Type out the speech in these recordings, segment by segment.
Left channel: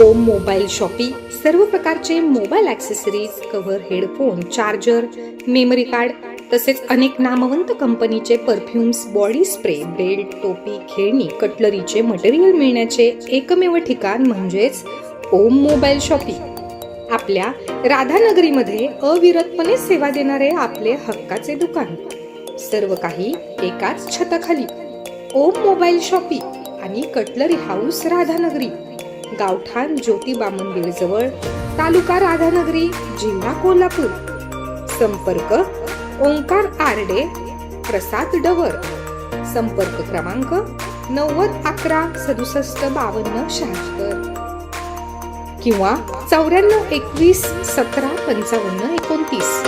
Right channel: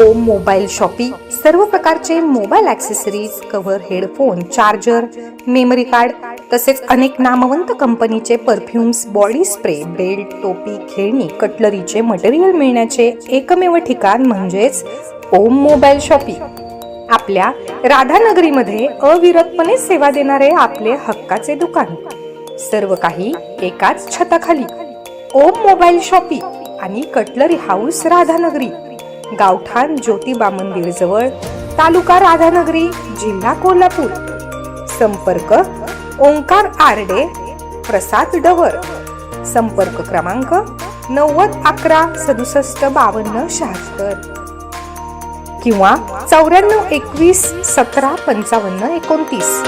ओम mobile shoppe सर्व प्रकारचे mobile accessories cover headphone charger memory card तसेच अनेक नामवंत कंपनीचे परफ्युम्स बॉडी स्प्रे बेल्ट टोपी खेळणी कटलरीचे मटेरियल मिळण्याचे एकमेव ठिकाण म्हणजेच ओम मोबाईल शॉपी आपल्या राधानगरीमध्ये अविरतपणे सेवा देणारे आपले हक्काचे दुकान. सर्व काही एकाच छताखाली. ओम मोबाईल शॉपी आणि कटलरी हाऊस राधानगरी. गावठाण ज्योतिबा मंदिर जवळ तालुका राधानगरी जिल्हा कोल्हापूर. संपर्क ओंकार आरडे प्रसाद डवर. संपर्क क्रमांक नव्वद अकरा सदुसष्ट बावन्न शहात्तर. किंवा चौऱ्याण्णव एकवीस सतरा पंचावन्न एकोणतीस.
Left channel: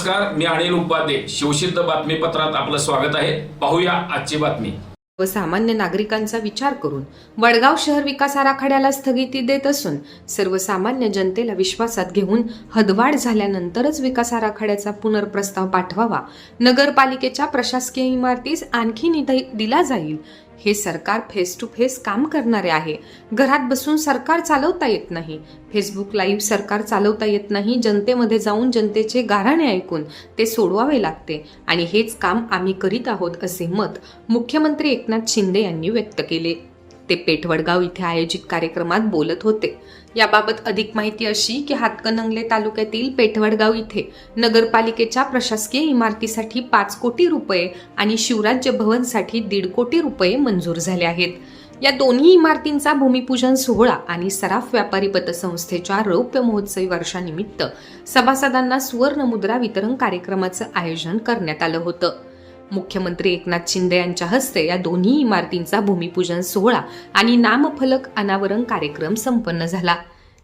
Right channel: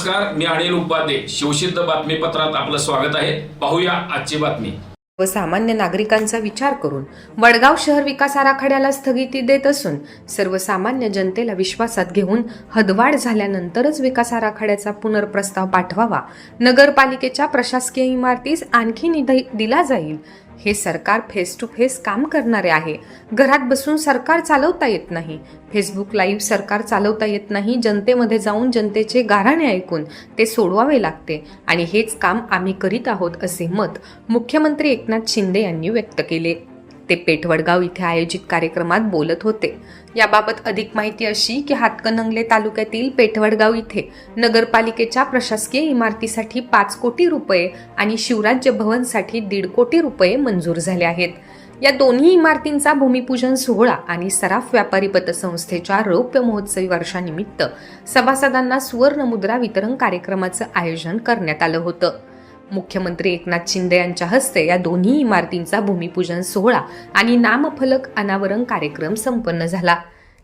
नमस्कार मी अनिल उपाध्ये शिवसिद्ध बातमीपत्रात आपलं स्वागत आहे. पाहूया आजची बातमी. व सामान्य नागरिकांचा विचार करून वडगाव शहर विकास आराखड्याला स्थगिती देत असून सर्वसामान्य जनतेला विश्वासात घेऊन हदवाड झाल्यानंतरच विकास आराखड्याचा पुनर्प्रस्ताव पाठवावा नगरपालिकेच्या प्रशासकीय इमारतीस आणखी निधी दिला जाईल हे सरकार फेस टू फेस काम करणारे आहे. घरात बसून सरकार चालवता येत नाही. फेसबुक लाईव्ह सरकार चालवता येत नाही. जनतेमध्ये जाऊन जनतेचे गाराणे ऐकून ते सोडवावे लागते. आणि हेच काम आम्ही करीत आहोत असे मत मुख्यमंत्री एकनाथ शिंदे यांनी व्यक्त केले. ते पेठवडगाव इथे आयोजित कार्यक्रमात बोलत होते. याबाबत अधिक माहिती अशी की हातकणंगले तालुक्यातील पेठवडगाव इथे नगरपालिकेच्या प्रशासकीय इमारतीसाठी पाच कोटी रुपये आणि शिवराज्य भवनसाठी दीड कोटी रुपये मंजूर झाले आहेत. या दोन्ही इमारतींचा भूमिपूजन सोहळा आणि सराफ व्यापारी पतसंस्थेच्या रौप्य महोत्सवी वर्षानिमित्त सभासदांना सुवर्ण मुद्रा वितरण कार्यक्रमाचं आयोजन करण्यात आलं होतं. मुख्यमंत्री एकनाथ शिंदे यांच्या हस्ते या दोन्ही इमारतींचा भूमिपूजन सोहळा आणि नामफलक अनावरण कार्यक्रम संपन्न झाला.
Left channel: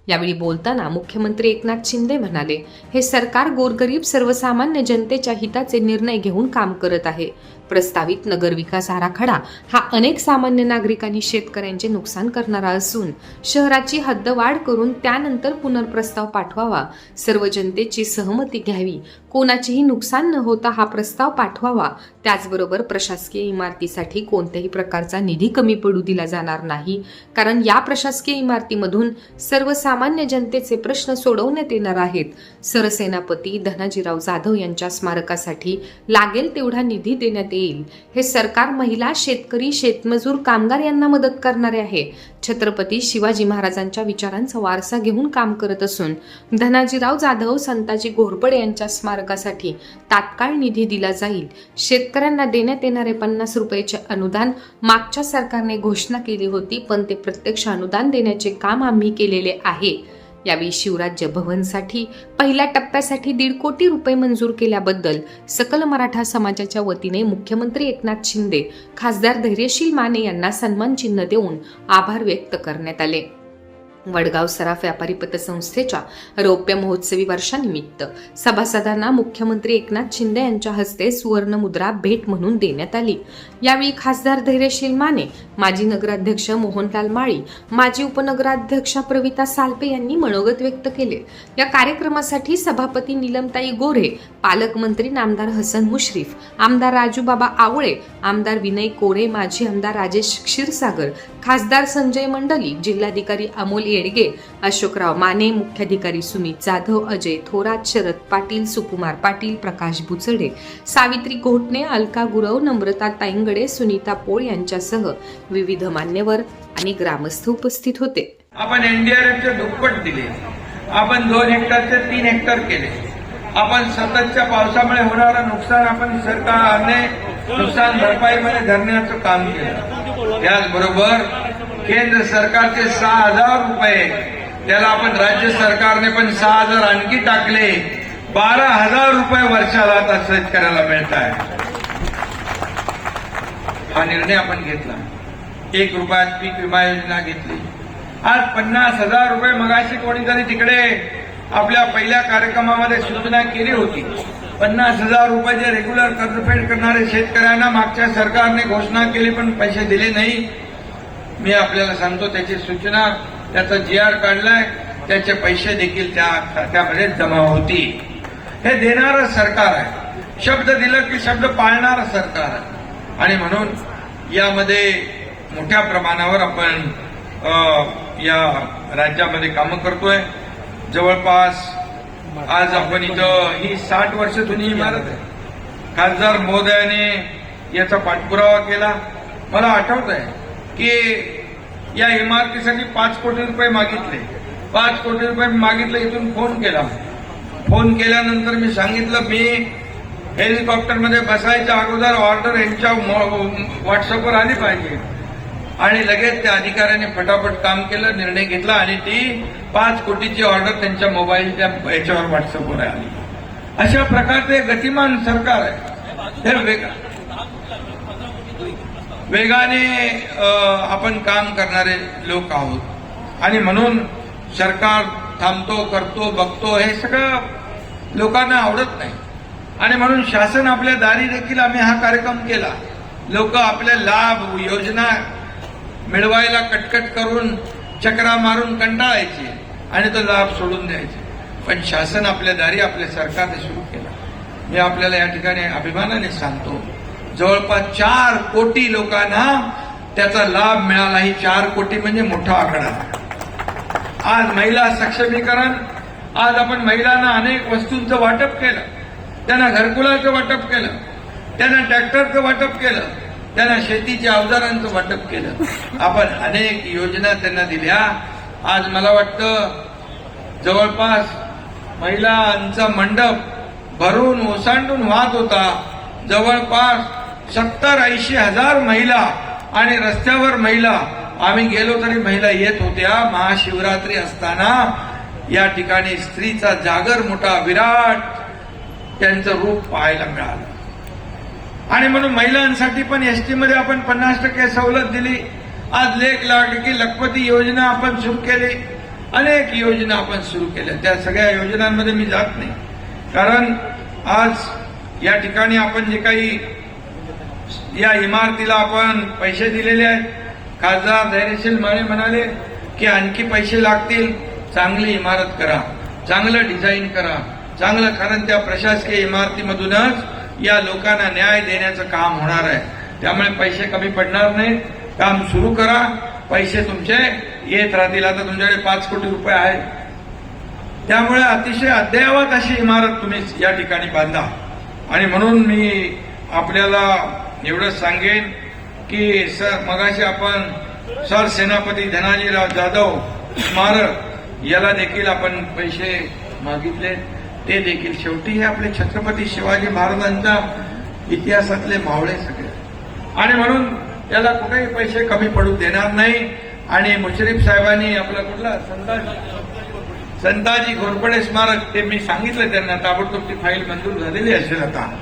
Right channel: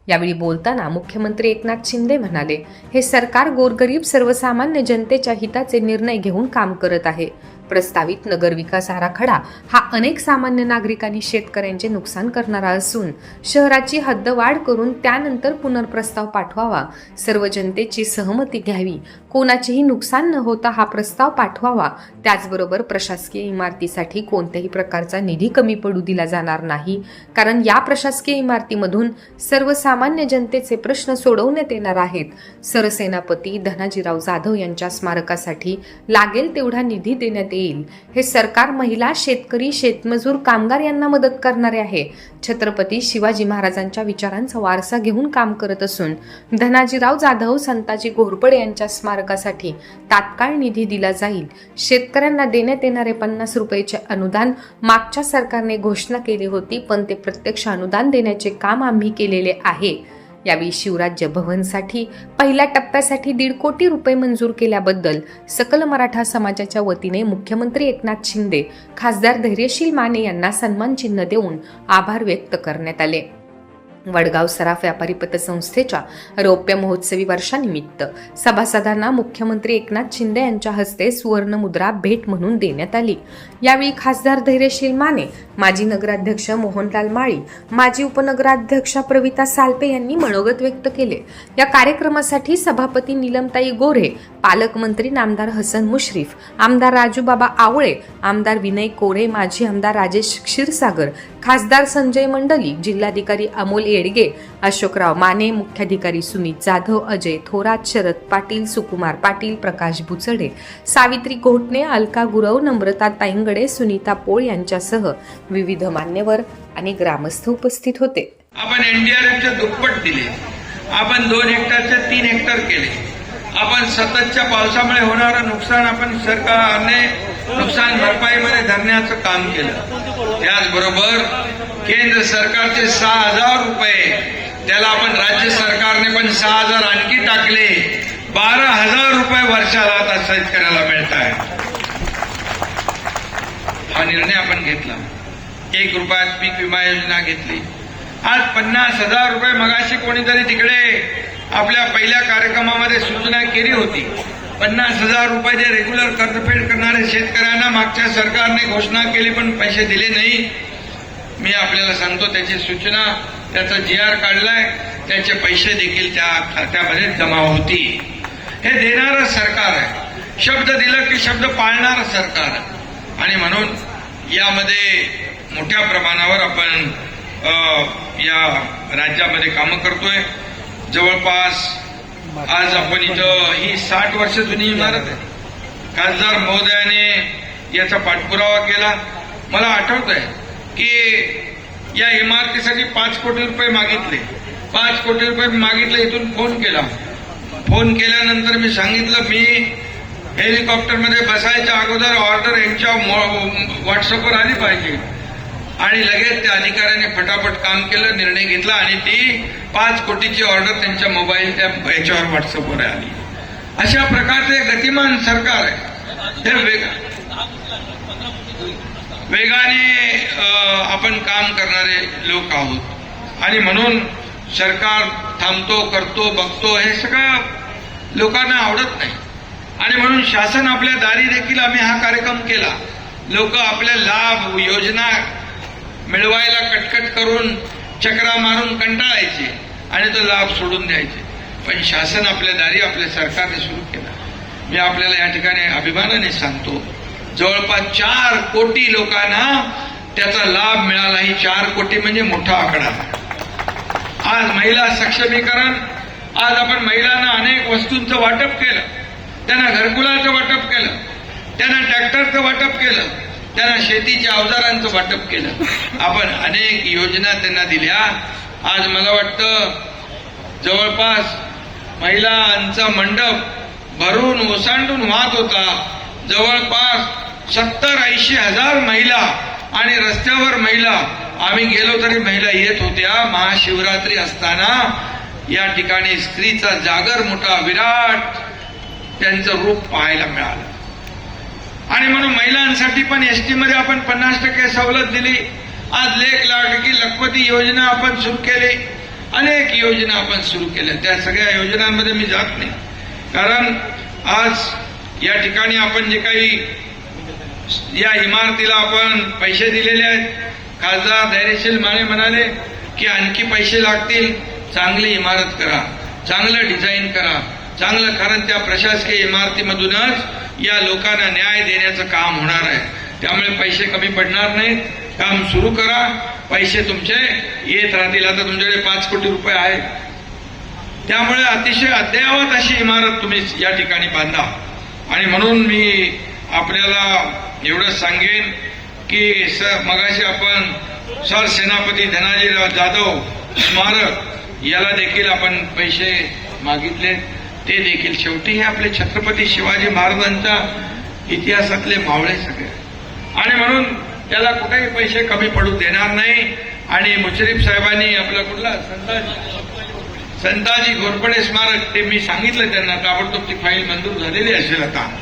यावेळी बोलताना मुख्यमंत्री एकनाथ शिंदे म्हणाले हे सरकार गोरगरीब सर्वसामान्य जनतेच्या हिताचे निर्णय घेऊन काम करत आहे. प्रस्तावित नगर विकास आराखडा हा अनेक सामान्य नागरिकांनी शेतकऱ्यांचे नुकसान करणारा असून शहराची हद्दवाढ करून त्यानंतर पुनर्प्रस्ताव पाठवावा. सर्व जनतेची सहमती घ्यावी. कोणाचेही नुकसान न होता हा प्रस्ताव पाठवावा. त्याचबरोबर प्रशासकीय इमारतीसाठी कोणत्याही प्रकारचा निधी कमी पडू दिला जाणार नाही. कारण या प्रशासकीय इमारतीमधून सर्वसामान्य जनतेचे प्रश्न सोडवण्यात येणार आहेत. सरसेनापती धनाजीराव जाधव यांच्या स्मारकासाठी लागेल तेवढा निधी देण्यात येईल हे सरकार महिला शेतकरी शेतमजूर कामगार यांना मदत करणारे आहे. छत्रपती शिवाजी महाराजांच्या विचारांचा वारसा घेऊन काम करत असून धनाजीराव जाधव संताजी घोरपडे यांच्या स्मारकासाठी तात्काळ निधी दिला जाईल. शेतकऱ्यांना देण्यात येणारे पन्नास रुपयाचे अनुदान मागच्या सरकारने घोषणा केली होती पण ते प्रत्यक्ष अनुदान देण्याचे काम आम्ही केलेले आहे. यावेळी शिवराज्य भवनसाठी पहिल्या टप्प्यासाठी दीड कोटी रुपये मंजूर केल्याबद्दल सकल मराठा समाजाच्या वतीने मुख्यमंत्री एकनाथ शिंदे खासदार धैर्यशील माने यांना सन्मान चिन्ह देऊन आभार व्यक्त करण्यात आले. वडगाव सराफ व्यापारी पतसंस्थेच्या रौप्य महोत्सवी वर्षानिमित्त सभासदांना मुख्यमंत्री एकनाथ शिंदे यांच्या हस्ते सुवर्ण मुद्रा भेट म्हणून देण्यात आली. यावेळी खासदार धैर्यशील माने माजी नगराध्यक्ष मोहनलाल माळी माजी उपनगराध्यक्षा प्रविता सालपे यांनी मनोगत व्यक्त केले. या कार्यक्रमासाठी सभापती निलमताई गोरे पालकमंत्री नामदार हसन मुश्रीफ आमदार राजूबाबा आवळे आमदार विनय कोरे माजी आमदार राजेश क्षीरसागर खासदार संजय मंडली जिल्हाधिकारी अमोल येडगे अशोकराव माने मुख्याधिकारी सुमित जाधव अजय थोरात शरद पाटील सुकुमार पाटील प्रकाश बुचडे सावित्री घोटणे अलका गुरव नम्रता ताईंगडे सुनीता पोळ यांच्यासह विविध मान्यवर आणि ग्रामस्थ उपस्थित होते. आपण एनडीआरएफचे दुप्पट दिले. आपण दोन हेक्टरचे तीन हेक्टर केले. आपण सततच्या पावसामुळे होणारं नुकसान आपण सरकारने नुकसान भरपाईमध्ये धरण्याचं काम केलं. त्याचबरोबर केंद्र सरकारचे सहा हजार रुपये त्याला आपण राज्य सरकारने पण सहा हजार आणखी टाकले. बारा हजार रुपये वर्षाला आता शेतकऱ्याला मिळत आहे. हा निर्णय आपण घेतला. एक रुपयात पीक विमा योजना घेतली. आज पन्नास हजार रुपये मगाशी कोणीतरी तिकडे आपल्या पहिल्या कार्यक्रमामध्ये सूचना केली होती. पन्नास हजार रुपये जे रेग्युलर कर्जफेड करणाऱ्या शेतकऱ्यांना मागच्या सरकारने घोषणा केली पण पैसे दिले नाही. मी आपल्याला सांगतो त्याची सूचना त्याचा जी आर काढलाय त्याचे पैसे देखील त्या खात्यामध्ये जमा होतील हे देणारं सरकार आहे. शब्द दिलं की शब्द पाळणारं सरकार आहे. आणि म्हणून यामध्ये मोठ्या प्रमाणावर आपण या राज्यामध्ये कामं करतोय. जवळपास आज आपण इथं ही साठ वर्ष जुनी इमारत आहे खासदार महोदयाने याचा पाठपुरावा केला. मला आठवत आहे की या इमारतीसाठी पाच कोटी रुपये मागितले. पाच कोटी रुपये मागितले इथून फोन केला. फोन केल्यानंतर मी सांगितलं मी हेलिकॉप्टरमध्ये बसायच्या अगोदर ऑर्डर यांच्या व्हॉट्सअपवर आली पाहिजे. आणि लगेच त्या अधिकाऱ्याने फटाफट काम केलं निर्णय घेतला आणि ती पाच कोटीची ऑर्डर त्यांच्या मोबाईलच्या याच्यावर व्हॉट्सअपवर आली. अशा प्रकारचे गतिमान सरकार आहे. तर वेग- वेगाने आपण काम करणारे लोक आहोत. आणि म्हणून सरकार थांबतो करतो बघतो हे सगळं लोकांना आवडत नाही. आणि म्हणून शासन आपल्या दारी देखील आम्ही हा कार्यक्रम केला. लोक आपले लाभ योजना मिळवायला कटकट करून चक्रा मारून कंटाळायचे आणि तो लाभ सोडून द्यायचे. पण शासन आपल्या दारी आपल्या सरकारने सुरू केला. मी आपल्याला या ठिकाणी अभिमानाने सांगतो जवळपास चार कोटी लोकांना त्याचा लाभ मिळाला ही चार कोटी म्हणजे मोठा आकडा. आज महिला सक्षमीकरण आज आपण महिलांना अनेक वस्तूंचं वाटप केलं. त्यांना घरकुलाचं वाटप केलं. त्यांना ट्रॅक्टरचं वाटप केलं. त्यांना शेतीच्या अवजारांचं वाटप केलं. आपण अनेक योजना त्यांना दिल्या. आज मला वाटतं जवळपास महिलांचा मंडप भरून ओसांडून वाहत होता. जवळपास सत्तर ऐंशी हजार महिला आणि रस्त्यावर महिला. आम्ही गेलो तरी महिला येत होत्या. महाशिवरात्री असताना या ठिकाणी स्त्रीचा जागर मोठा विराट त्यांचं रूप पाहायला मिळालं. आणि म्हणून महिलांसाठी पण एस टीमध्ये आपण पन्नास टक्के सवलत दिली. आज लेख लाडकी लखपती योजना आपण सुरू केली. अनेक योजना आपण सुरू केल्या. त्या सगळ्या योजनांमध्ये मी जात नाही. कारण आज या ठिकाणी आपण जे काही या इमारतीला आपण पैसे दिलेले आहेत. खासदार धैर्यशील माने म्हणाले की आणखी पैसे लागतील. चांगली इमारत करा. चांगलं डिझाईन करा. चांगलं कारण त्या प्रशासकीय इमारतीमधूनच या लोकांना न्याय देण्याचं काम होणार आहे. त्यामुळे पैसे कमी पडणार नाहीत काम सुरू करा. पैसे तुमचे येत राहतील. आता तुमच्याकडे पाच कोटी रुपये आहेत. त्यामुळे अतिशय अद्ययावत अशी इमारत तुम्ही या ठिकाणी बांधा. आणि म्हणून मी आपल्याला एवढंच सांगेन की सर मगाशी आपण सर सेनापती धनाजीराव जाधव स्मारक याला देखील आपण पैसे मागितले. ते देखील शेवटी हे आपले छत्रपती शिवाजी महाराजांच्या इतिहासातले मावळे सगळे. आणि म्हणून त्याला कुठेही पैसे कमी पडू देणार नाही. आणि मुश्रीफ साहेबांनी आपला कुठला? संताजी. संताजी घोरपडे स्मारक ते मी सांगितलं त्यांना ताबडतोब ती फाईल मंजूर झालेली असेल आता.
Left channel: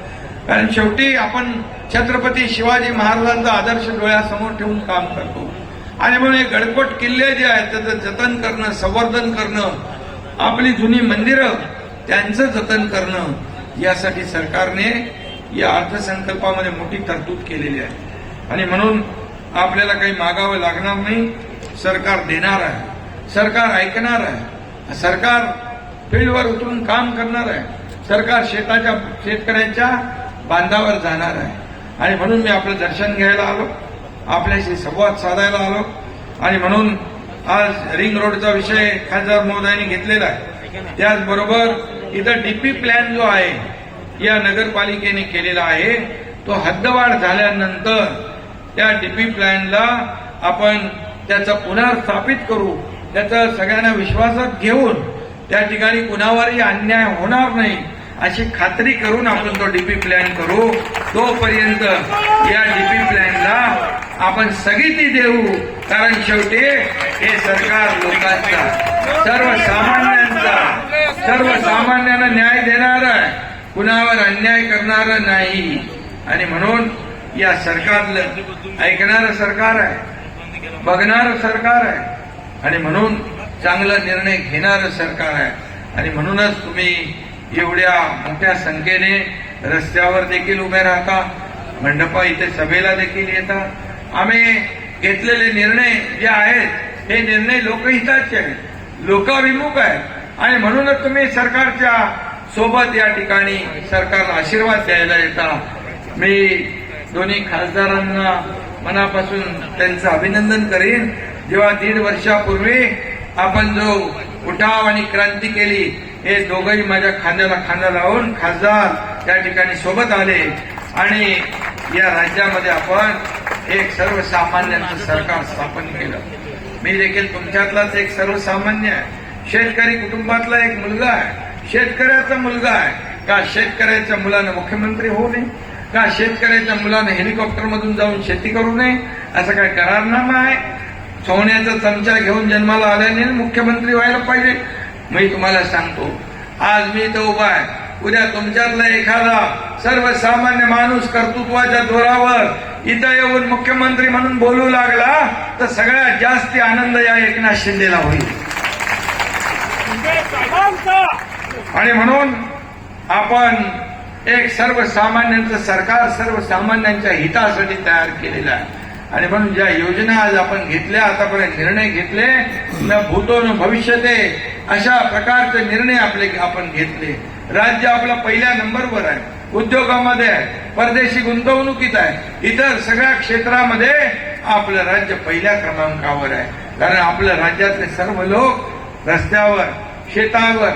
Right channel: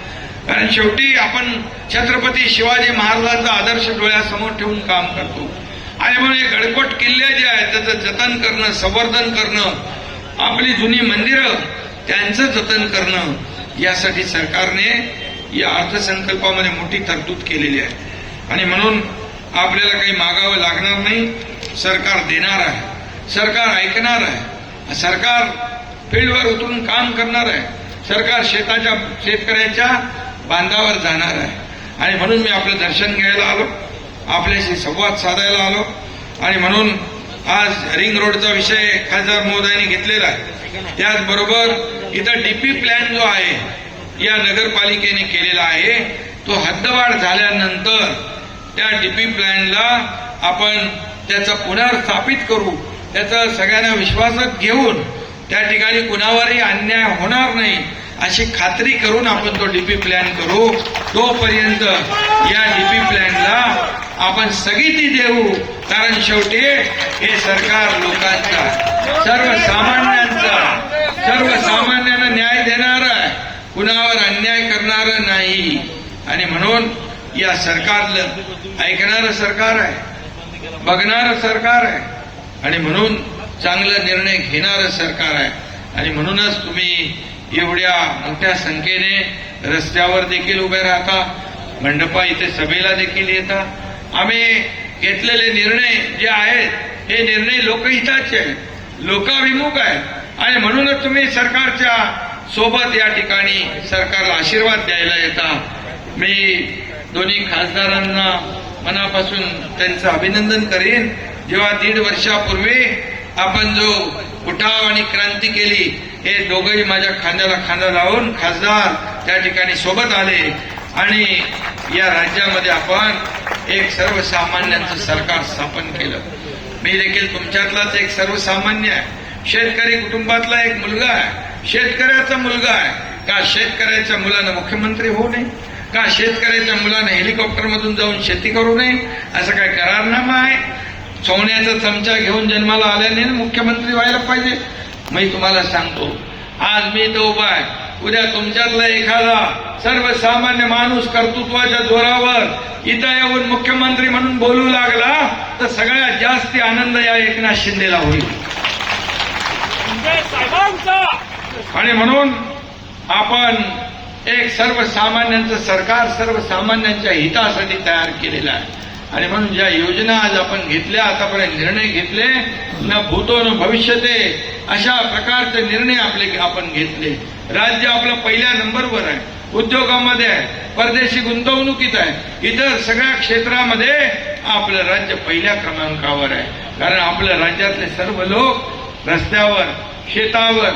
कारण शेवटी आपण छत्रपती शिवाजी महाराजांचा आदर्श डोळ्यासमोर ठेवून काम करतो. आणि म्हणून हे गडकोट किल्ले जे आहेत त्याचं जतन करणं संवर्धन करणं आपली जुनी मंदिरं त्यांचं जतन करणं यासाठी सरकारने या अर्थसंकल्पामध्ये मोठी तरतूद केलेली आहे. आणि म्हणून आपल्याला काही मागावं लागणार नाही. सरकार देणार आहे. सरकार ऐकणार आहे. सरकार फील्डवर उतरून काम करणार आहे. सरकार शेताच्या शेतकऱ्याच्या बांधावर जाणार आहे. आणि म्हणून मी आपलं दर्शन घ्यायला आलो. आपल्याशी संवाद साधायला आलो. आणि म्हणून आज रिंग रोडचा विषय खासदार महोदयांनी घेतलेला आहे. त्याचबरोबर इथं डीपी प्लॅन जो आहे या नगरपालिकेने केलेला आहे तो हद्दवाढ झाल्यानंतर त्या डीपी प्लॅनला आपण त्याचं पुनर्स्थापित करू त्याचा सगळ्यांना विश्वासात घेऊन त्या ठिकाणी कुणावरही अन्याय होणार नाही अशी खात्री करून आपण तो डीपी प्लॅन करू. तोपर्यंत या डीपी प्लॅनला आपण स्थगिती देऊ कारण शेवटी हे सरकार लोकांचा सर्वसामान्यांचा सर्वसामान्यांना न्याय देणार कुणावर अन्याय करणार नाही. आणि म्हणून या सरकारलं ऐकणारं सरकार आहे बघणारं सरकार आहे आणि म्हणून चांगला निर्णय घेणारं सरकार आहे. आणि म्हणूनच तुम्ही एवढ्या मोठ्या संख्येने रस्त्यावर देखील उभे राहता मंडपा इथे सभेला देखील येता. आम्ही घेतलेले निर्णय जे आहेत हे निर्णय लोकहिताचे आहेत. लोकाभिमुख आहे. आणि म्हणूनच तुम्ही सरकारच्या सोबत या ठिकाणी सरकारला आशीर्वाद द्यायला येता. मी दोन्ही खासदारांना मनापासून त्यांचं अभिनंदन करीन. जेव्हा दीड वर्षापूर्वी आपण जो उठाव आणि क्रांती केली हे दोघंही माझ्या खांद्याला खांदा लावून खासदार त्या ठिकाणी सोबत आले. आणि या राज्यामध्ये आपण एक सर्वसामान्यांचं सरकार स्थापन केलं. मी देखील तुमच्यातलाच एक सर्वसामान्य आहे. शेतकरी कुटुंबातला एक मुलगा आहे. शेतकऱ्याचा मुलगा आहे. का शेतकऱ्याच्या मुलानं मुख्यमंत्री होऊ नये? का शेतकऱ्याच्या मुलानं हेलिकॉप्टर मधून जाऊन शेती करू नये? असं काय करारनामा आहे? सोन्याचा चमचा घेऊन जन्माला आल्याने मुख्यमंत्री व्हायला पाहिजे. मी तुम्हाला सांगतो आज मी तो उभा आहे. उद्या तुमच्यातला एखादा सर्वसामान्य माणूस कर्तृत्वाच्या जोरावर इथं येऊन मुख्यमंत्री म्हणून बोलू लागला तर सगळ्यात जास्त आनंद या एकनाथ शिंदेला होईल. आणि म्हणून आपण एक सर्वसामान्यांचं सरकार सर्वसामान्यांच्या हितासाठी तयार केलेलं आहे. आणि म्हणून ज्या योजना आज आपण घेतल्या आतापर्यंत निर्णय घेतले न भूतो न भविष्यते अशा प्रकारचे निर्णय आपले आपण घेतले. राज्य आपलं पहिल्या नंबरवर आहे. उद्योगामध्ये आहे. परदेशी गुंतवणुकीत आहे. इतर सगळ्या क्षेत्रामध्ये आपलं राज्य पहिल्या क्रमांकावर आहे. कारण आपल्या राज्यातले सर्व लोक रस्त्यावर शेतावर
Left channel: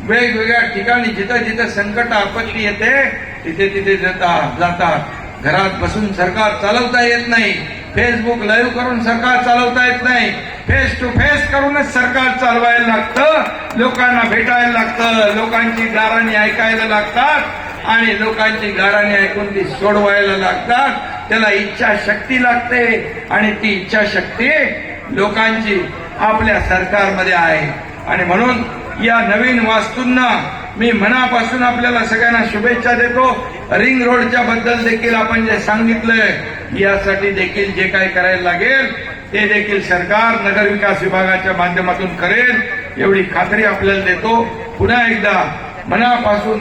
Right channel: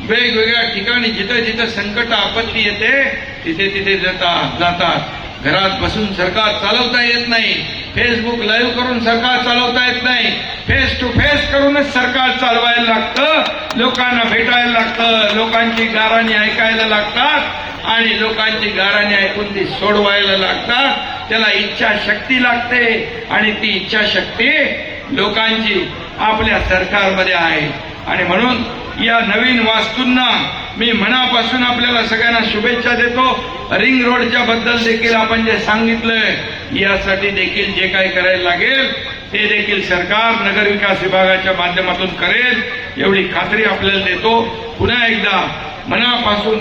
वेगवेगळ्या ठिकाणी जिथं जिथं संकट आपत्ती येते तिथे तिथे जातात जातात. घरात बसून सरकार चालवता येत नाही. फेसबुक लाईव्ह करून सरकार चालवता येत नाही. फेस टू फेस करूनच सरकार चालवायला लागतं लोकांना भेटायला लागतं लोकांची गाराणी ऐकायला लागतात आणि लोकांची गाराणी ऐकून ती सोडवायला लागतात. त्याला इच्छाशक्ती लागते आणि ती इच्छाशक्ती लोकांची आपल्या सरकारमध्ये आहे. आणि म्हणून या नवीन वास्तूंना मी मनापासून आपल्याला सगळ्यांना शुभेच्छा देतो. रिंग रोडच्या बद्दल देखील आपण जे सांगितलंय यासाठी देखील जे काय करायला लागेल ते देखील सरकार नगर विकास विभागाच्या माध्यमातून करेल एवढी खात्री आपल्याला देतो. पुन्हा एकदा मनापासून